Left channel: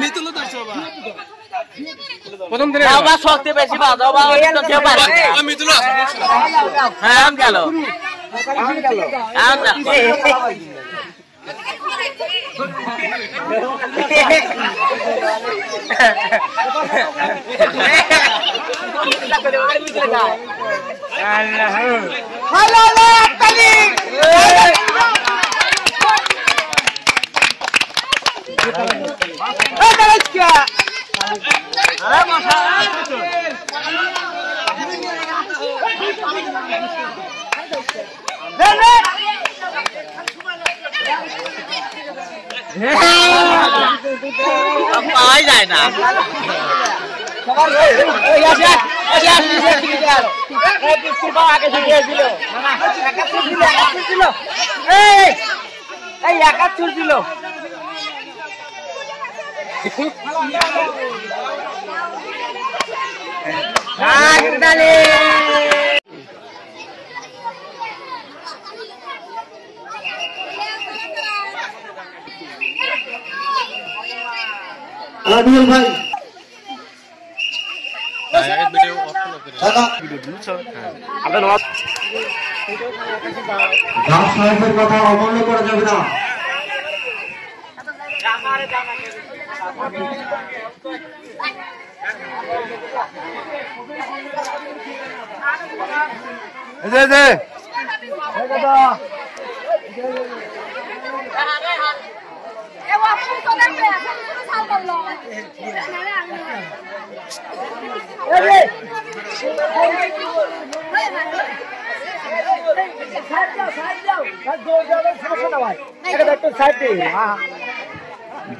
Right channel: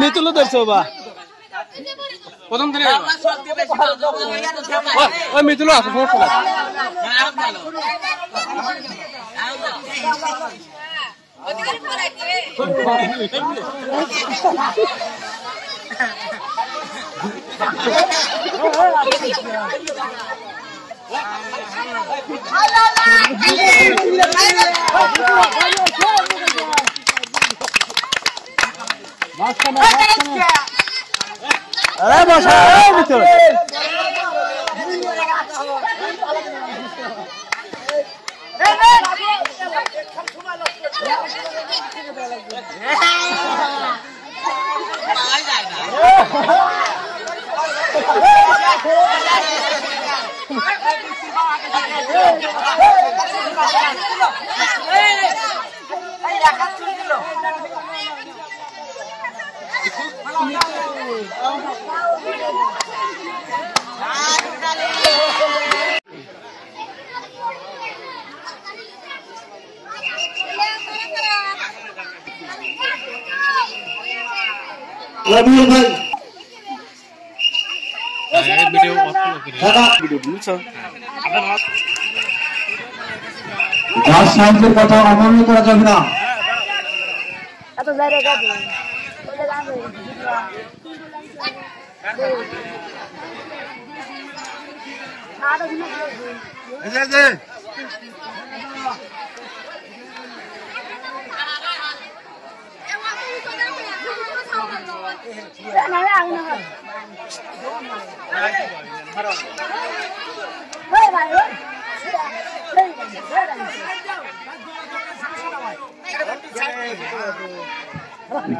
মিতুলও ধরছো বা প্রথম দিনে শক্তি বেশি মিতুলও আছে হ্যাঁ গেল পাওয়াই যায় না আলামিউল ভাই ঘাস সাহেবের কথা অমান্য করা যাবে না।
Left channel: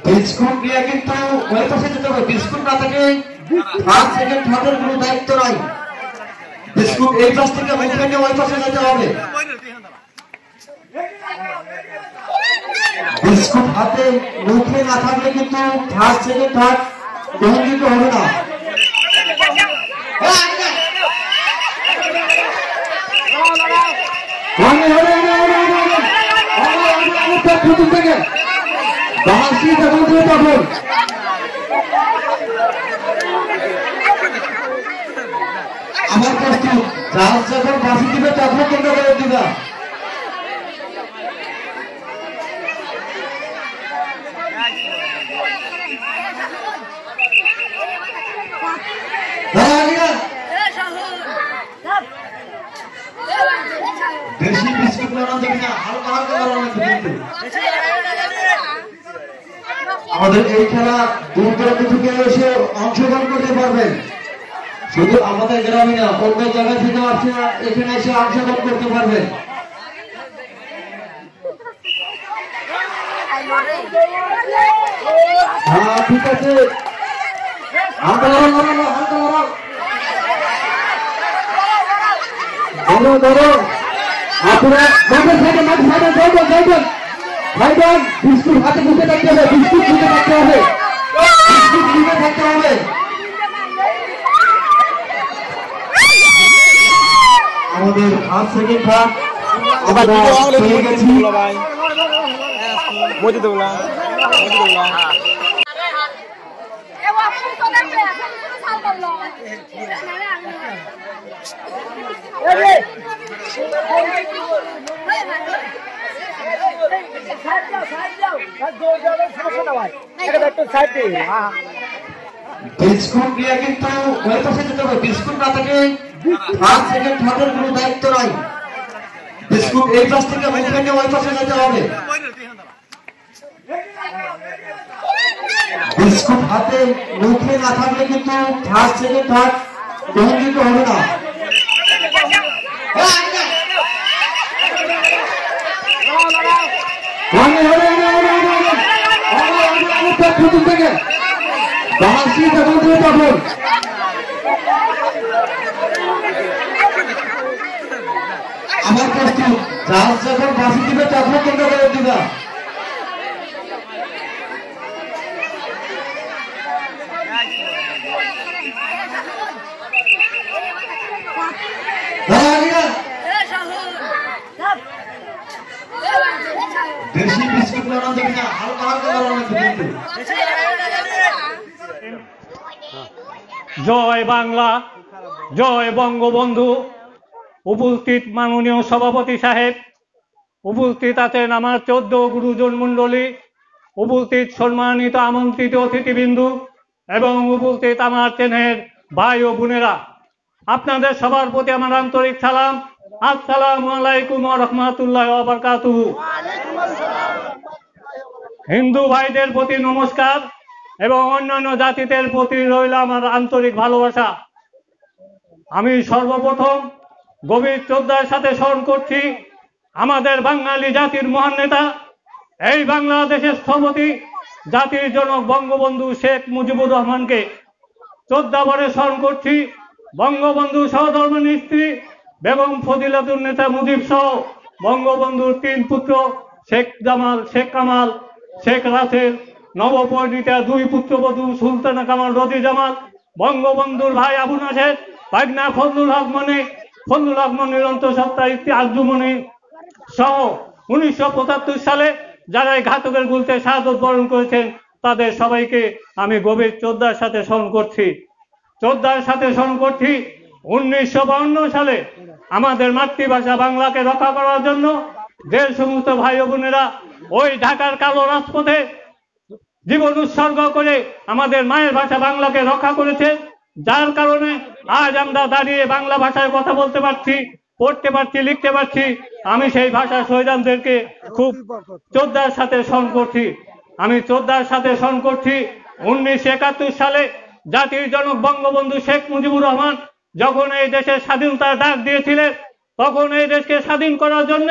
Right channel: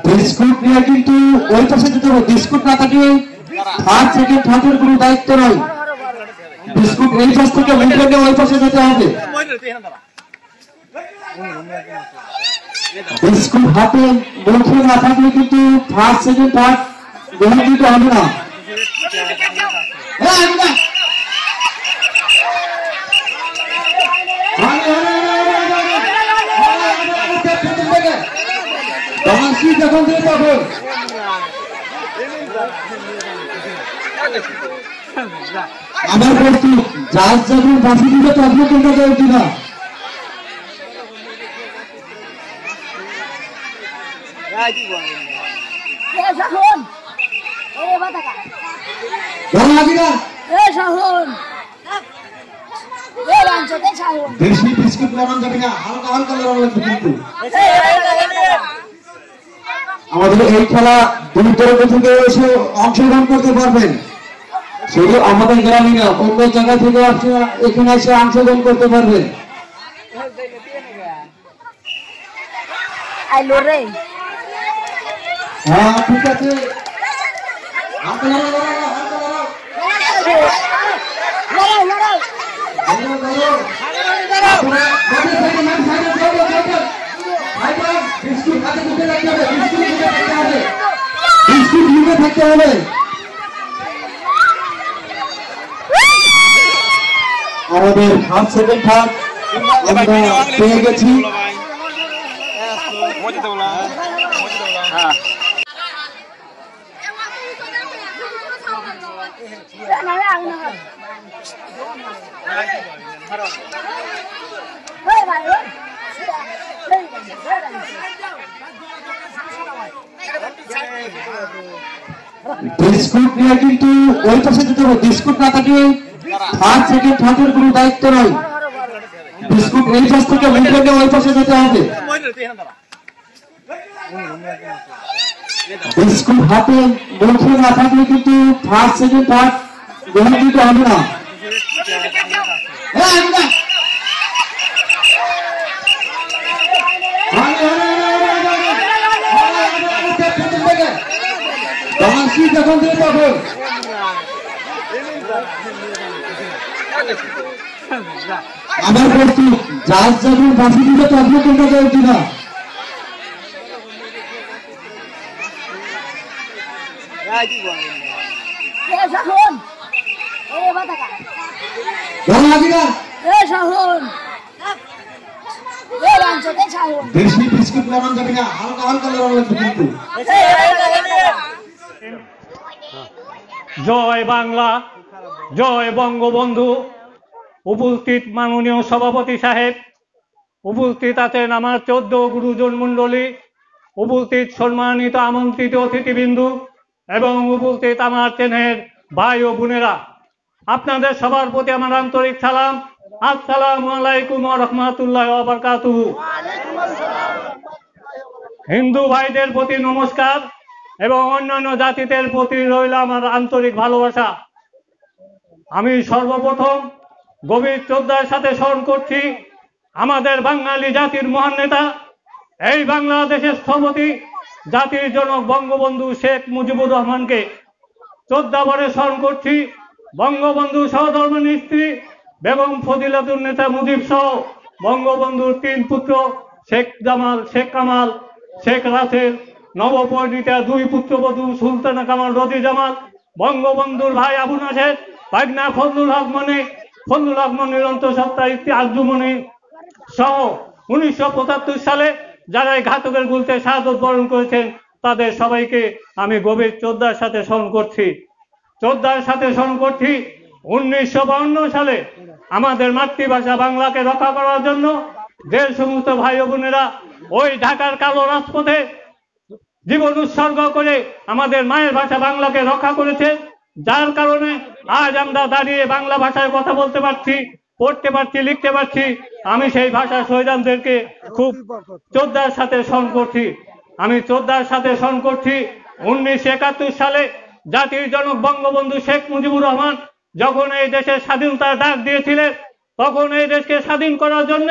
বিস্কুট নিয়ে কিন্তু ওই পাশে যেতে হবে। বিস্কুট না থাকে ফার্স্ট সেকেন্ড থার্ডের কোনো দায়িত্ব নাই। বিস্কুট এই পাশ থেকে মুখে ওই পাশে যেতে হবে। বিস্কুট হাতে মুখে না থাকলে কিন্তু ফার্স্ট সেকেন্ড থার্ড গ্রহণ দিতে হবে না। প্রথম থেকে বাংলাদেশি যখন দিয়ে তখন আমার প্রস্তুত জাহাজ যখন বাসি দিবে তখন তোমরা করে দিবা। বেশি বিস্কুট বানানো যাবে না, হালকা হালকা বানানো লাগবে কিন্তু। আমাদের এই খেলা দূর দূরান্ত থেকে এসে অংশগ্রহণ করতে পারবেন। শুধু আমাদের গ্রামে না, অন্য জায়গা থেকে আসে এখানে এসে অংশগ্রহণ করতে পারবেন। হ্যাঁ ঠিক আছে, হালকা লড়ো লড়ো হালকা লড়ো ধরো ধরো। আপনারা মাঠের সাইডে যাইবেন। বিস্কুট হাতে মুখে থাকতে হবে, বিস্কুট মুখে থাকতে হবে, বিস্কুট মুখে থাকতে হবে। আমাদের ফার্স্ট সেকেন্ড থার্ড আমরা পেয়ে গেছি। বিস্কুট নিয়ে কিন্তু ওই পাশে যেতে হবে। বিস্কুট না থাকে ফার্স্ট সেকেন্ড থার্ডের কোনো দায়িত্ব নাই। বিস্কুট এই পাশ থেকে মুখে ওই পাশে যেতে হবে। বিস্কুট হাতে মুখে না থাকলে কিন্তু ফার্স্ট সেকেন্ড থার্ড গ্রহণ দিতে হবে না। প্রথম থেকে বাংলাদেশি যখন দিয়ে তখন আমার প্রস্তুত যার যখন বাসি দিবে তখন তোমরা করে দিবা বেশি বিস্কুট বানানো যাবে না, হালকা হালকা বানানো লাগবে। জয় বাংলা, জয় বঙ্গবন্ধু। উপস্থিত মাননীয় সভাপতি সাহেব, উপস্থিত আছেন আমার 14 গুরুজন মণ্ডলী, উপস্থিত সম্মানিত আমন্ত্রিত অতিথিবৃন্দ এবং উপস্থিত আমার চেনের ভাই ও বোনেরা, আপনাদের সবার প্রতি আমার আন্তরিক সালাম। আসসালামু আলাইকুম ওয়া রাহমাতুল্লাহি ওয়া বারাকাতুহু। হিন্দু ভাইদের প্রতি নমস্কার এবং অন্যান্য জাতিদের প্রতি রইল আমার আন্তরিক ভালোবাসা। আমি সর্বপ্রথম গভীর শ্রদ্ধার সাথে স্মরণ করছি আমাদের বাঙালি জাতির মহান নেতা, এই বাংলাদেশের স্থপতি, জাতির জনক বঙ্গবন্ধু শেখ মুজিবুর রহমানকে শ্রদ্ধা ভরে স্মরণ করছি। বঙ্গবন্ধু সহধর্মিণী স্ত্রী বেগম ফজিলাতুন নেতা মুজিব সহ বঙ্গবন্ধুর 3 পুত্র শেখ জামাল, শেখ কামাল, শেখ রাসেল, নবপরিণীতা 2 পুত্রবধূ সুলতানা কামাল, রদি জামাল, বঙ্গবন্ধুর ভাই আবু নাসের, ভাগনা ফজলুল হক মনির অন্তঃসত্ত্বা ইফতি আজমনি সহ 1975 সালে যারা এই ঘাতকের গুলিতে শাহাদত বরণ করেছেন তাদের সবাইকে আমি গভীর শ্রদ্ধার সাথে স্মরণ করছি। 1952 সালে আমাদের মাতৃভাষা বাংলাকে রক্ষা করার জন্য যে সমস্ত ভাই বোনেরা ওই ঢাকার কালো রাজপথে জীবন উৎসর্গ করে আমাদের মায়ের ভাষা বাংলাকে রক্ষা করেছে, যার কারণে আজ আমরা দাঁড়িয়ে বাংলা ভাষায় কথা বলতে পারছি, পড়তে পারছি, লিখতে পারছি। আমি সেই ভাষা শহীদদেরকে খুব শ্রদ্ধার সাথে স্মরণ করছি। 1971 সালে জাতির জনক বঙ্গবন্ধু শেখ মুজিবুর রহমান যখন এই দেশের স্বাধীনতার ডাক দিয়েছিলেন, তখন এই দেশকে স্বাধীন করার জন্য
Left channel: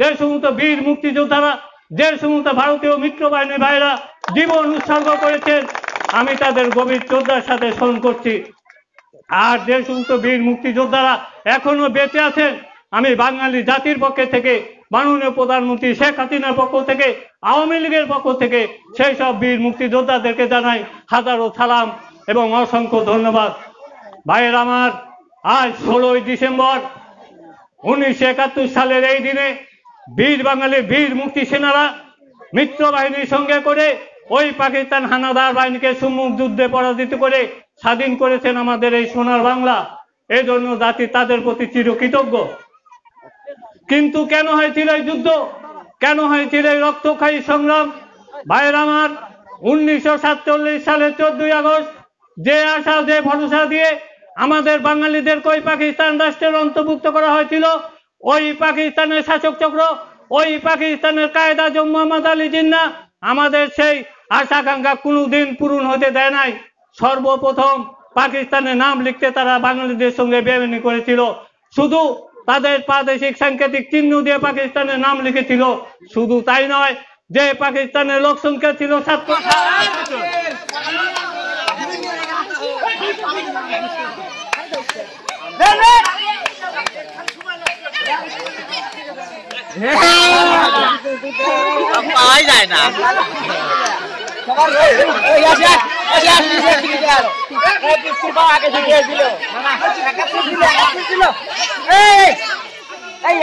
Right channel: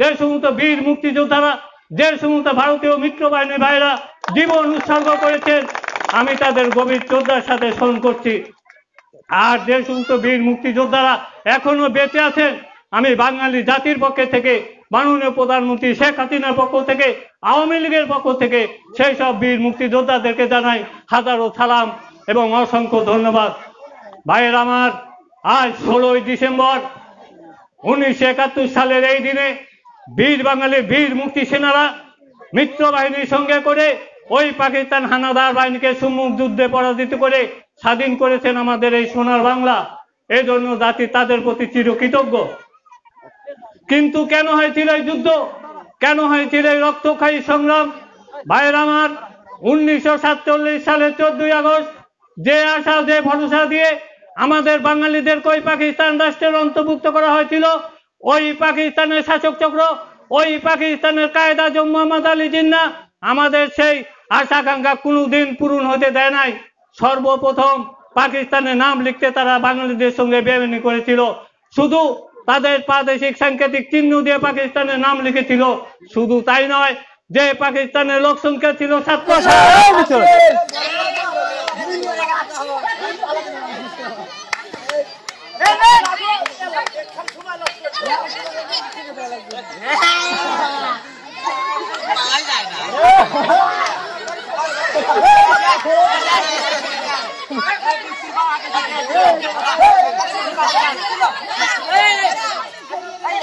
যে সমস্ত বীর মুক্তিযোদ্ধারা, যে সমস্ত ভারতীয় মিত্র বাহিনীর ভাইরা জীবন উৎসর্গ করেছেন, আমি তাদের গভীর শ্রদ্ধার সাথে স্মরণ করছি। আর যে সমস্ত বীর মুক্তিযোদ্ধারা এখনো বেঁচে আছেন, আমি বাঙালি জাতির পক্ষ থেকে, মাননীয় প্রধানমন্ত্রী শেখ হাসিনার পক্ষ থেকে, আওয়ামী লীগের পক্ষ থেকে সেই সব বীর মুক্তিযোদ্ধাদেরকে জানাই হাজারো সালাম এবং অসংখ্য ধন্যবাদ। ভাইয়ের আমার, আজ 16 ডিসেম্বর 1971 সালের এই দিনে বীর বাঙালির বীর মুক্তি সেনারা মিত্র বাহিনীর সঙ্গে করে ওই পাকিস্তান হানাদার বাহিনীকে সম্মুখ যুদ্ধে পরাজিত করে স্বাধীন করেছেন আমাদের এই সোনার বাংলা। এই জন্য জাতি তাদের প্রতি চিরকৃতজ্ঞ। কিন্তু কেন হয়েছিল এই যুদ্ধ, কেন হয়েছিল এই রক্তক্ষয়ী সংগ্রাম? ভাইয়ের আমার, 1947 সালের 14 আগস্ট যে আশা, যে ভরসা দিয়ে আমাদের বাঙালিদেরকে ওই পাকিস্তান রাষ্ট্রের অন্তর্ভুক্ত করা হয়েছিল, ওই পাকিস্তানের শাসক চক্র, ওই পাকিস্তানের কায়েদে আজম মোহাম্মদ আলী জিন্নাহ আমাদের সেই আশাকাঙ্ক্ষা কোনোদিন পূরণ হতে দেয় নাই। সর্বপ্রথম পাকিস্তানের নাম লিখতে তারা বাঙালিদের সঙ্গে বেইমানি করেছিল। শুধু তাদের প্রাদেশিক সাংকেতিক চিহ্ন দিয়ে পাকিস্তানের নাম লিখেছিল। শুধু তাই নয়, যে পাকিস্তানের লোক সংখ্যা ছিল 700। পাওয়াই যায় না। এই